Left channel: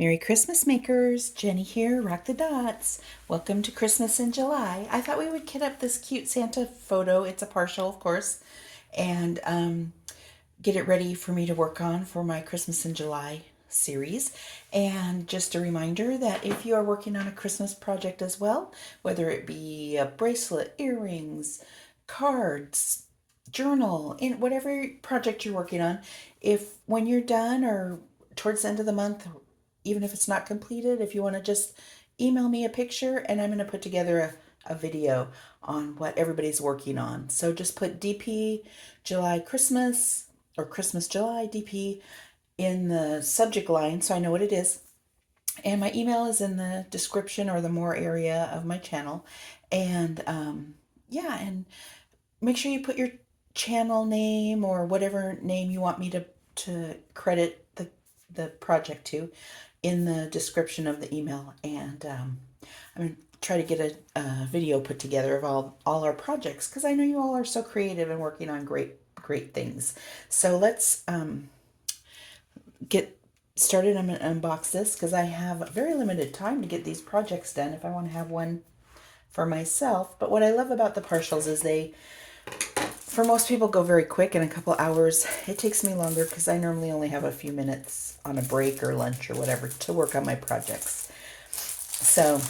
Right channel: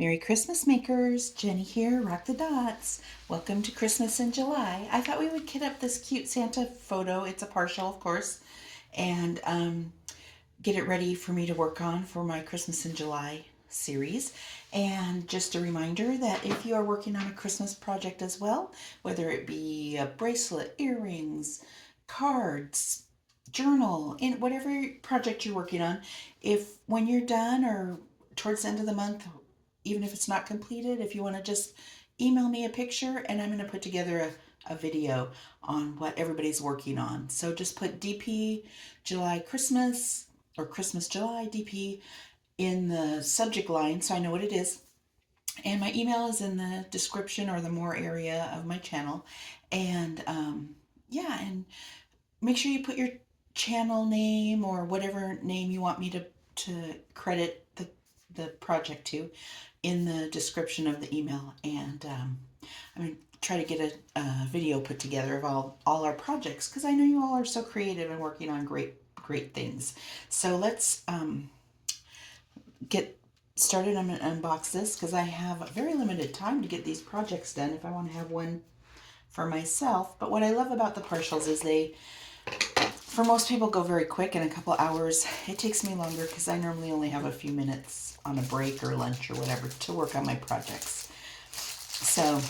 Merry Christmas, makers. Jenny here, Rock the Dots. Welcome to Christmas in July. I thought we would kit up this cute Santa photo. It's a partial, of course, and get it ready for me to work on for my Christmas in July series. And just a reminder that if you are working on a Christmas project as well, whether it be a bracelet, earrings, cards, journal, in whatever project you're working on, if when you're done or towards the end of the month, even if it's not completed, if you want to just email me a picture and I'm going to put together a video on what everybody's working on. So just put DP July Christmas or Christmas July DP in the subject line so I know what it is. And my email is in the description or the more area of my channel. And yeah, and make sure you put your channel name or whatever name you want me to credit the project to in the description of the email. And I'm going to try to get a video put together of all our projects because I know you all are so creative and working on great things. So let's get started. I'm going to unbox this because I have very limited time to get these projects done if I want to have one for myself. But what I love about the partials is they, for most people, go very quick in a couple hours. It takes me longer because I normally only have a few minutes on a break or lunch or whatever to work on my projects. So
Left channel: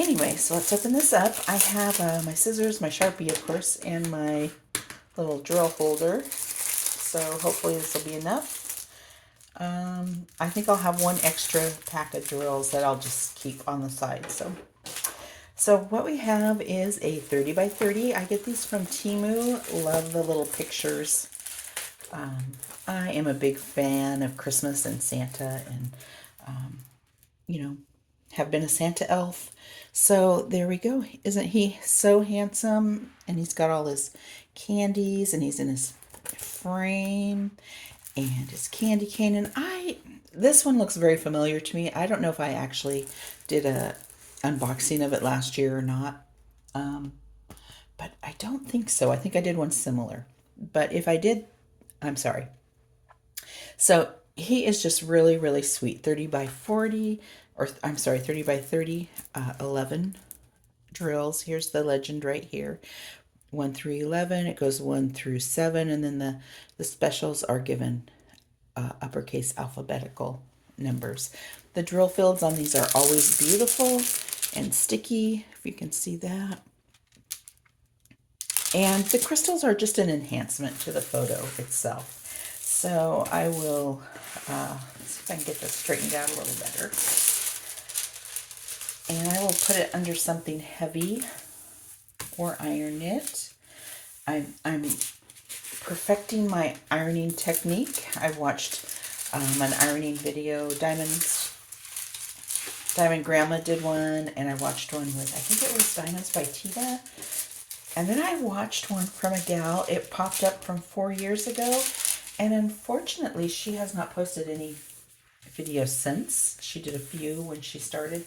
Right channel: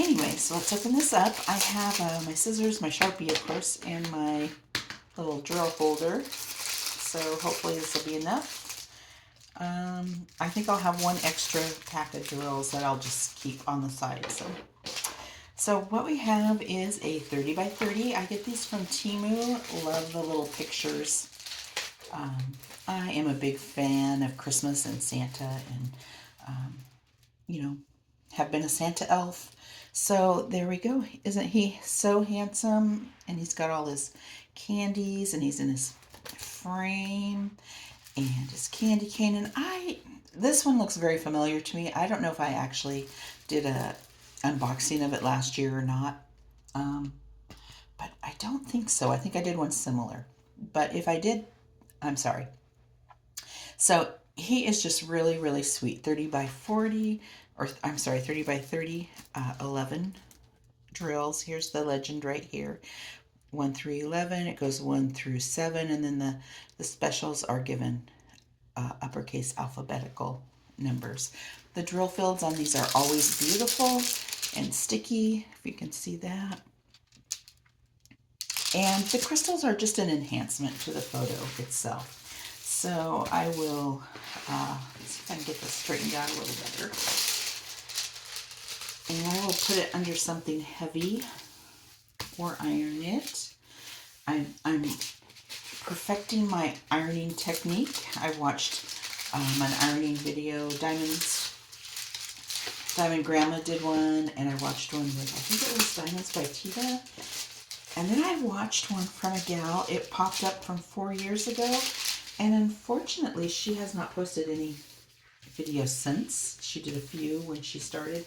anyway, so let's open this up. I have my scissors, my Sharpie, of course, and my little drill holder. So hopefully this will be enough. I think I'll have one extra pack of drills that I'll just keep on the side. So what we have is a 30 by 30. I get these from Temu. Love the little pictures. I am a big fan of Christmas and Santa and, you know, have been a Santa elf. So there we go. Isn't he so handsome? And he's got all his candies and he's in his frame and his candy cane. And this one looks very familiar to me. I don't know if I actually did a unboxing of it last year or not. But I don't think so. I think I did one similar. But if I did, I'm sorry. So he is just really, really sweet. 30 by 40, or I'm sorry, 30 by 30, 11 drills. Here's the legend right here. 1 through 11, it goes 1 through 7, and then the specials are given uppercase alphabetical numbers. The drill fields on these are always beautiful and sticky, if you can see that. And the crystals are just an enhancement to the photo itself. So I will see if I can get this straightened out a little better. And I will put it under something heavy or iron it. I'm perfecting my ironing technique. I watched an ironing video. Diamond Grandma did one, and I watched one with, I think it was Diamonds by Tita. And then I watched one from a gal. It popped up from 4 years ago. And unfortunately, she has not posted any videos since. She did a few when she started.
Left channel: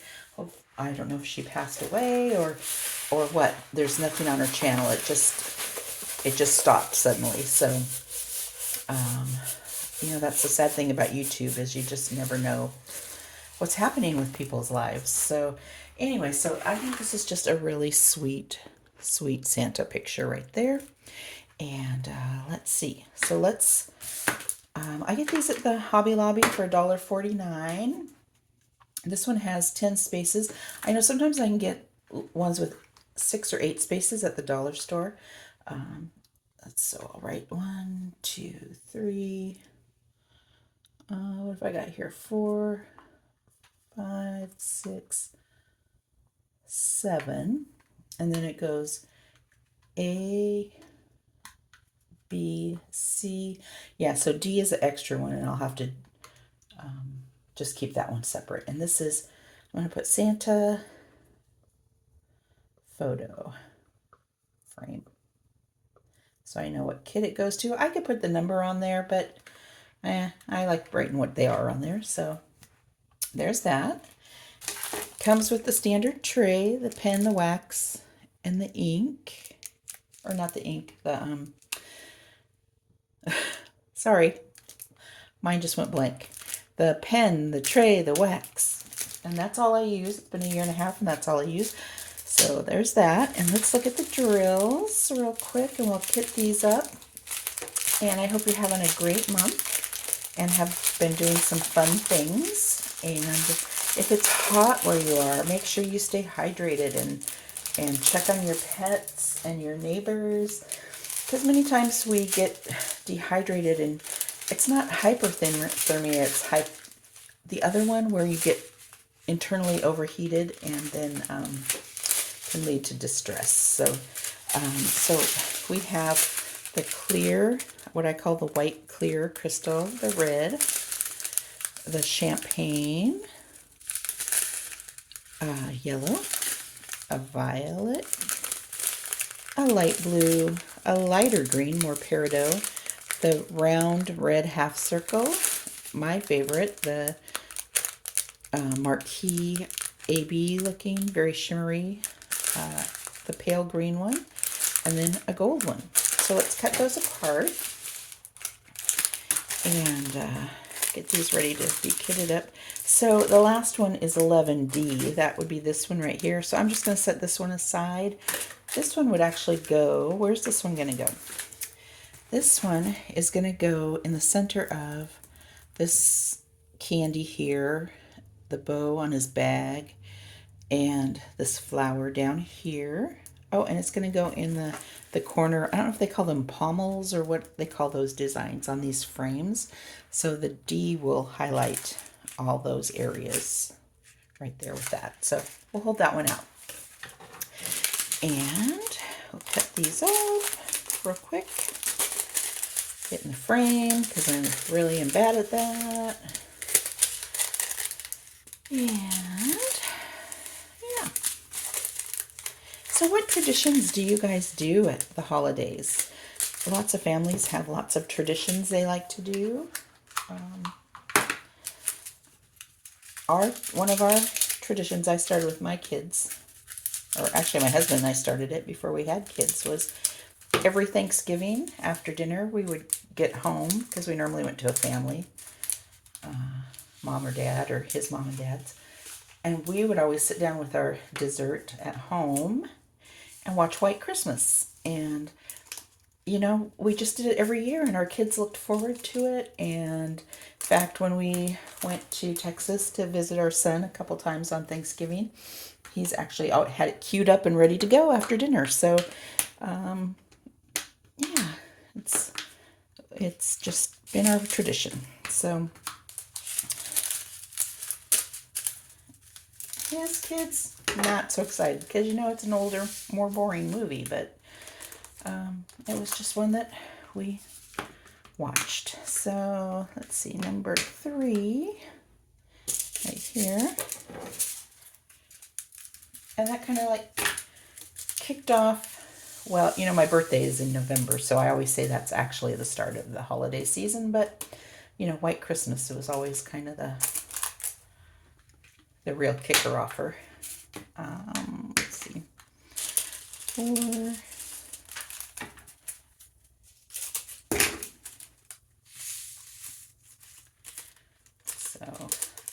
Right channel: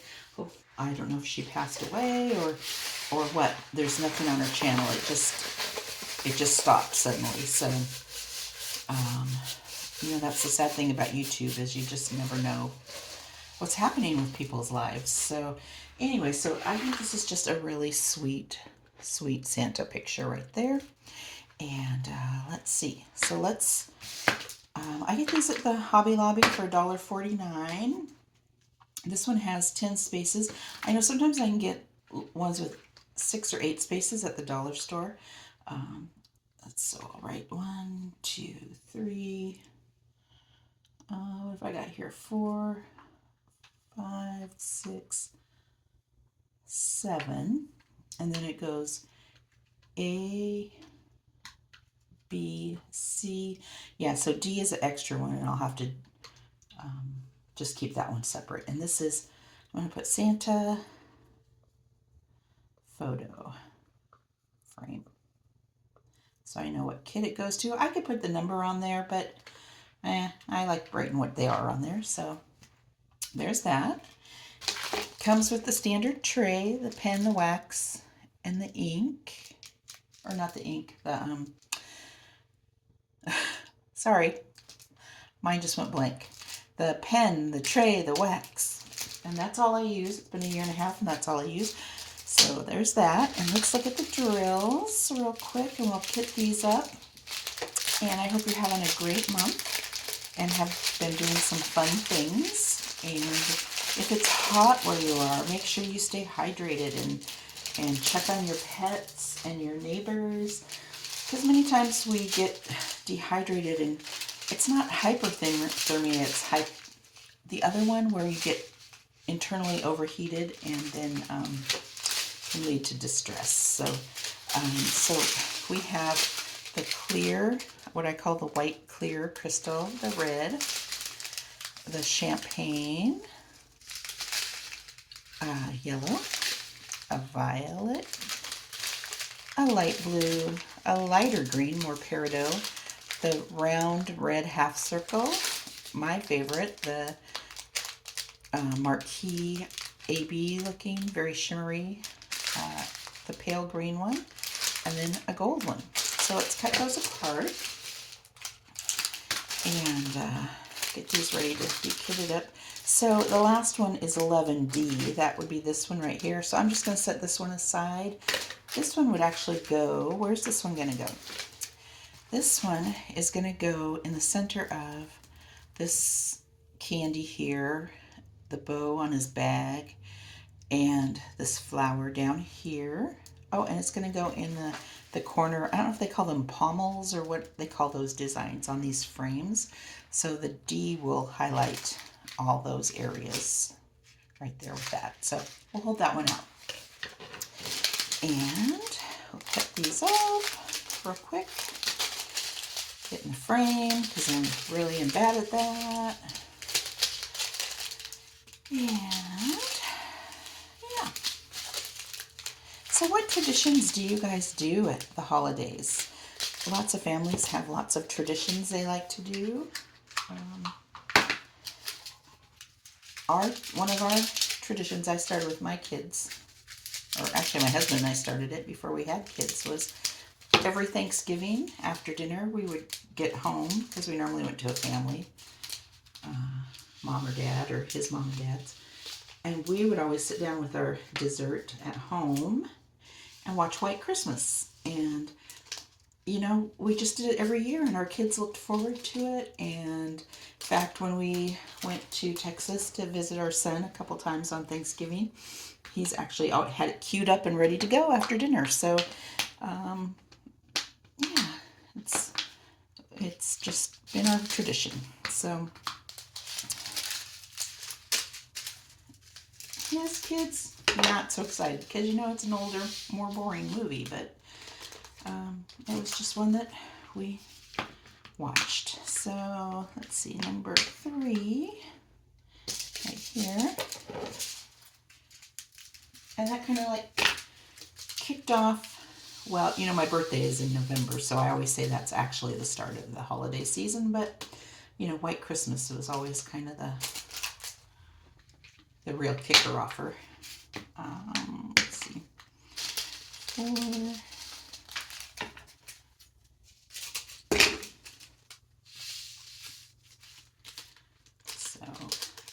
I don't know if she passed away or what. There's nothing on her channel. It just stopped suddenly. So, that's the sad thing about YouTube is you just never know what's happening with people's lives. So anyway, so I think this is just a really sweet Santa picture right there. And let's see. So I get these at the Hobby Lobby for $1.49. This one has 10 spaces. I know sometimes I can get ones with 6 or 8 spaces at the dollar store. So I'll write 1, 2, 3. What have I got here? 4, 5, 6, 7. And then it goes A, B, C. Yeah, so D is an extra one, and I'll have to just keep that one separate. And this is, I'm going to put Santa photo frame. So I know what kit it goes to. I could put the number on there, but I like writing what they are on there. So there's that. Comes with the standard tray, the pen, the wax, and the ink. Or not the ink, the sorry, mine just went blank. the pen, the tray, the wax. And that's all I use. It's been a year and a half and that's all I use. So there's that. And let's look at the drills real quick and we'll kit these up. And I hope you're having a great month and have been doing some fun things. And if it's hot where you are, make sure you stay hydrated and check on your pets and your neighbors. Because many times we get dehydrated and it's not hypothermia, it's the other one where you get internally overheated and then can lead to distress. So we have the clear, what I call the white clear crystal, the red, the champagne, yellow, a violet, a light blue, a lighter green, more peridot, the round red half circle, my favorite, the marquee AB looking, very shimmery, the pale green one, and then a gold one. So let's cut those apart and get these ready to be kitted up. So the last one is 11D. That would be this one right here. So I'm just going to set this one aside. This one would actually go, where's this one going to go? This one is going to go in the center of this candy here, the bow on his bag, and this flower down here. Oh, and it's going to go in the corner. I don't know if they call them pommels or what they call those designs on these frames. So the D will highlight all those areas right there with that. So we'll hold that one out. And we'll cut these off real quick. Get in the frame because I really am bad at that. And yeah. So what traditions do you guys do at the holidays? Lots of families have lots of traditions they like to do. One of our traditions I started with my kids, or actually my husband and I started it before we had kids, was every Thanksgiving after dinner we would get home, because we normally went to a family, mom or dad or his mom and dad's, and we would always sit down with our dessert at home and watch White Christmas. And you know, we just did it every year and our kids looked forward to it. And in fact, when we went to Texas to visit our son a couple times on Thanksgiving, he's actually had it queued up and ready to go after dinner. So yeah, it's just been our tradition. So yes, kids, not so excited because you know it's an older, more boring movie, but it was just one that we watched. So let's see, number 3 right here. And that kind of like kicked off, well, you know, my birthday is in November, so I always say that's actually the start of the holiday season, but you know, White Christmas was always kind of the real kicker offer. Let's see. 4.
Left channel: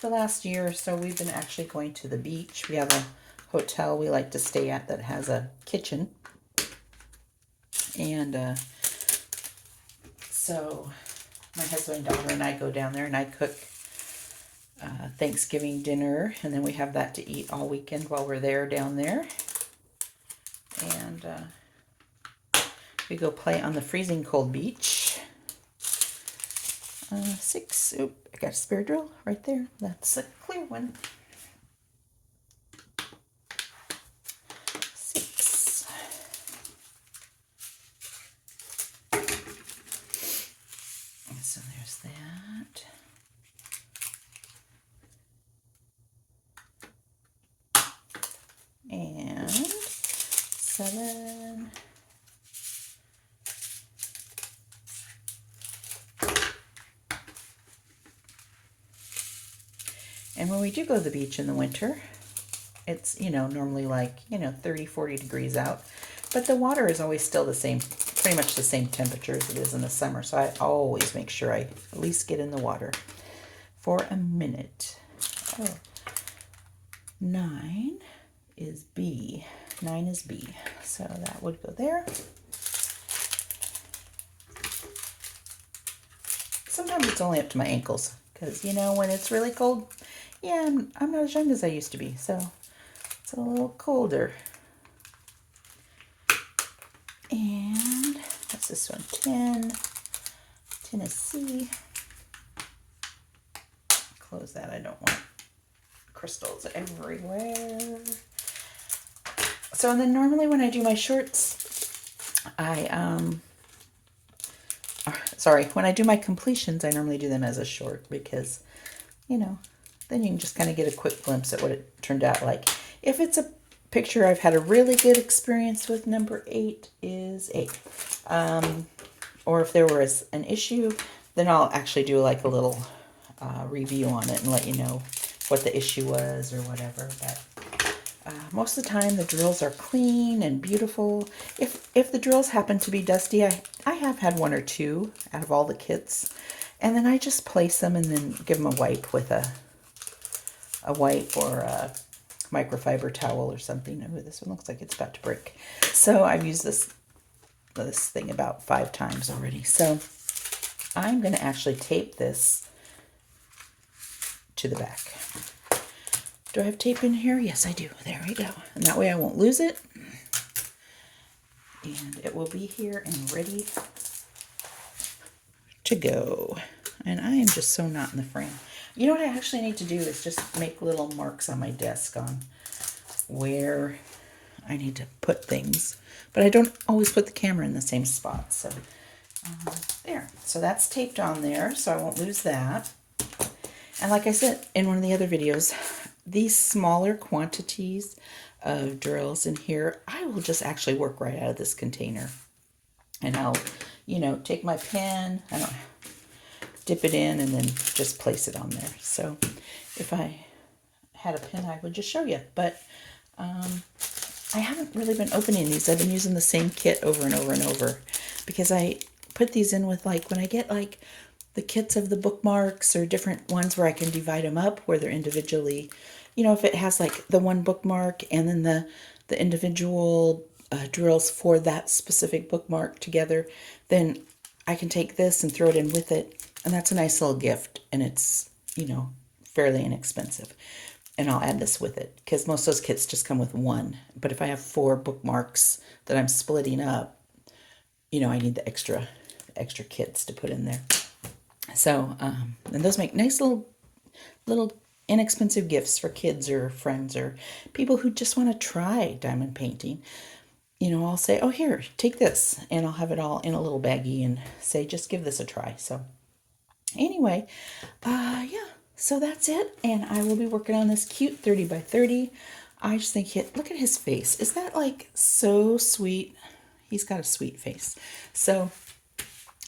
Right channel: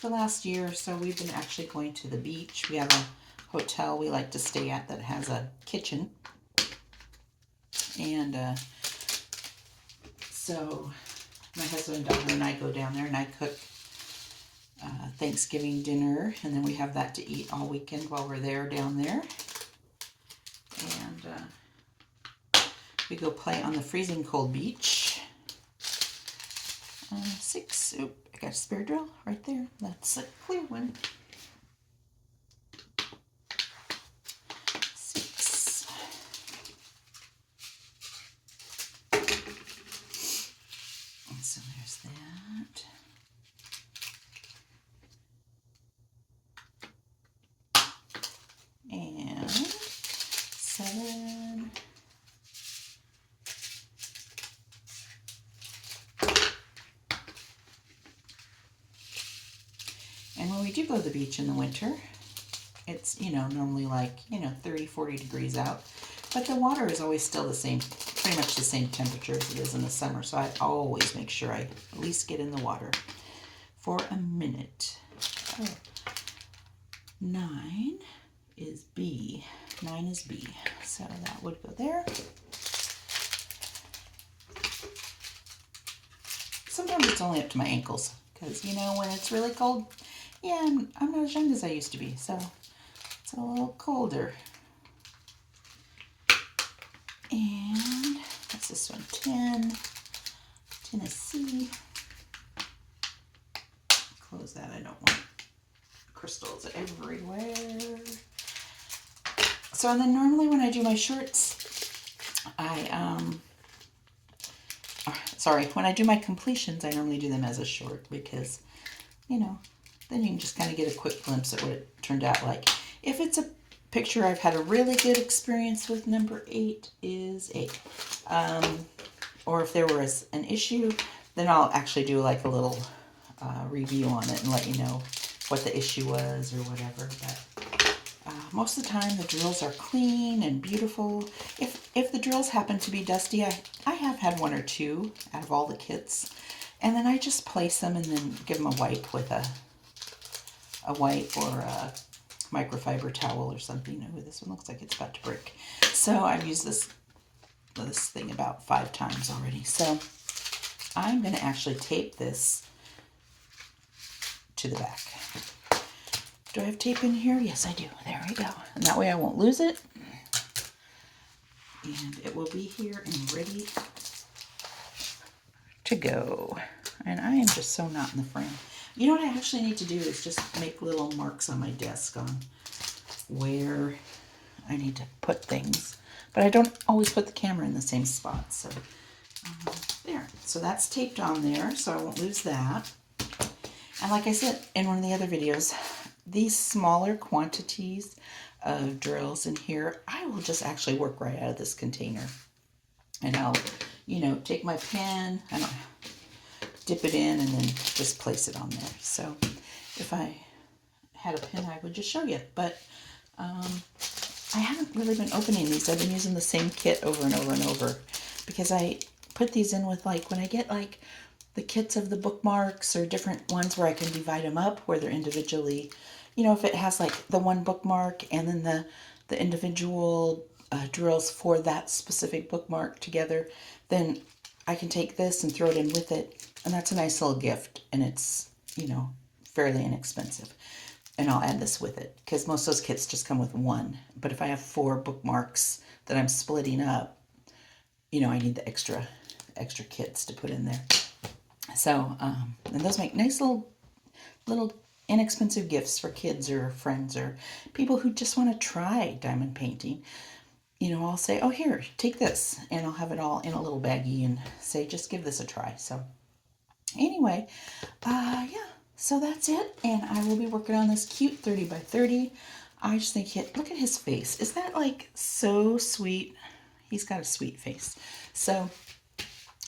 The last year or so, we've been actually going to the beach. We have a hotel we like to stay at that has a kitchen. And so my husband, daughter, and I go down there and I cook Thanksgiving dinner. And then we have that to eat all weekend while we're there down there. And we go play on the freezing cold beach. 6, oop, I got a spare drill right there. That's a clear one. 6. And so there's that. And 7. And when we do go to the beach in the winter, it's, you know, normally like, you know, 30, 40 degrees out. But the water is always still the same, pretty much the same temperature as it is in the summer. So I always make sure I at least get in the water. for a minute. Oh. 9 is B. 9 is B. So that would go there. Sometimes it's only up to my ankles because, you know, when it's really cold, yeah, I'm not as young as I used to be, so it's a little colder. And what's this one? 10. 10 is C. Close that. I don't want crystals everywhere. So then normally when I do my shorts, when I do my completions, I normally do them as a short because, you know, then you can just kind of get a quick glimpse at what it turned out like. If it's a picture I've had a really good experience with, number 8 is 8. Or if there was an issue, then I'll actually do like a little review on it and let you know what the issue was or whatever. But most of the time the drills are clean and beautiful. If the drills happen to be dusty, I have had 1 or 2 out of all the kits, and then I just place them and then give them a wipe with a wipe or a microfiber towel or something. Oh, this one looks like it's about to break. So I've used this thing about 5 times already. So I'm going to actually tape this to the back. Do I have tape in here? Yes, I do. There we go. And that way I won't lose it. And it will be here and ready to go. And I am just so not in the frame. You know what I actually need to do is just make little marks on my desk on where I need to put things. But I don't always put the camera in the same spot. So there. So that's taped on there, so I won't lose that. And like I said in one of the other videos, these smaller quantities of drills in here, I will just actually work right out of this container. And I'll, you know, take my pen, I don't dip it in and then just place it on there. So if I had a pen, I would just show you. But I haven't really been opening these. I've been using the same kit over and over and over because I put these in with, like, when I get like the kits of the bookmarks or different ones where I can divide them up where they're individually, you know, if it has like the one bookmark and then the individual drills for that specific bookmark together, then I can take this and throw it in with it. And that's a nice little gift. And it's, you know, fairly inexpensive. And I'll add this with it because most of those kits just come with 1. But if I have 4 bookmarks that I'm splitting up, you know, I need the extra kits to put in there. So, and those make nice little inexpensive gifts for kids or friends or people who just want to try diamond painting. You know, I'll say, oh, here, take this. And I'll have it all in a little baggie and say, just give this a try. So anyway, yeah, so that's it. And I will be working on this cute 30 by 30. I just think, look at his face. Is that like so sweet? He's got a sweet face. So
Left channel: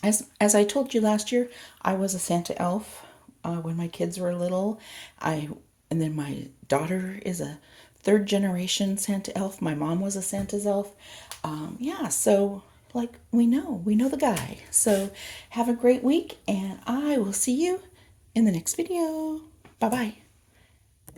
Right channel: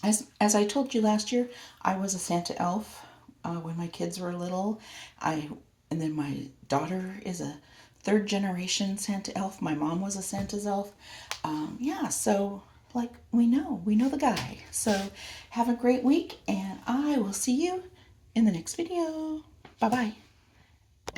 as I told you last year, I was a Santa elf when my kids were little. And then my daughter is a 3rd generation Santa elf. My mom was a Santa's elf. Yeah, so like we know the guy. So have a great week, and I will see you in the next video. Bye-bye.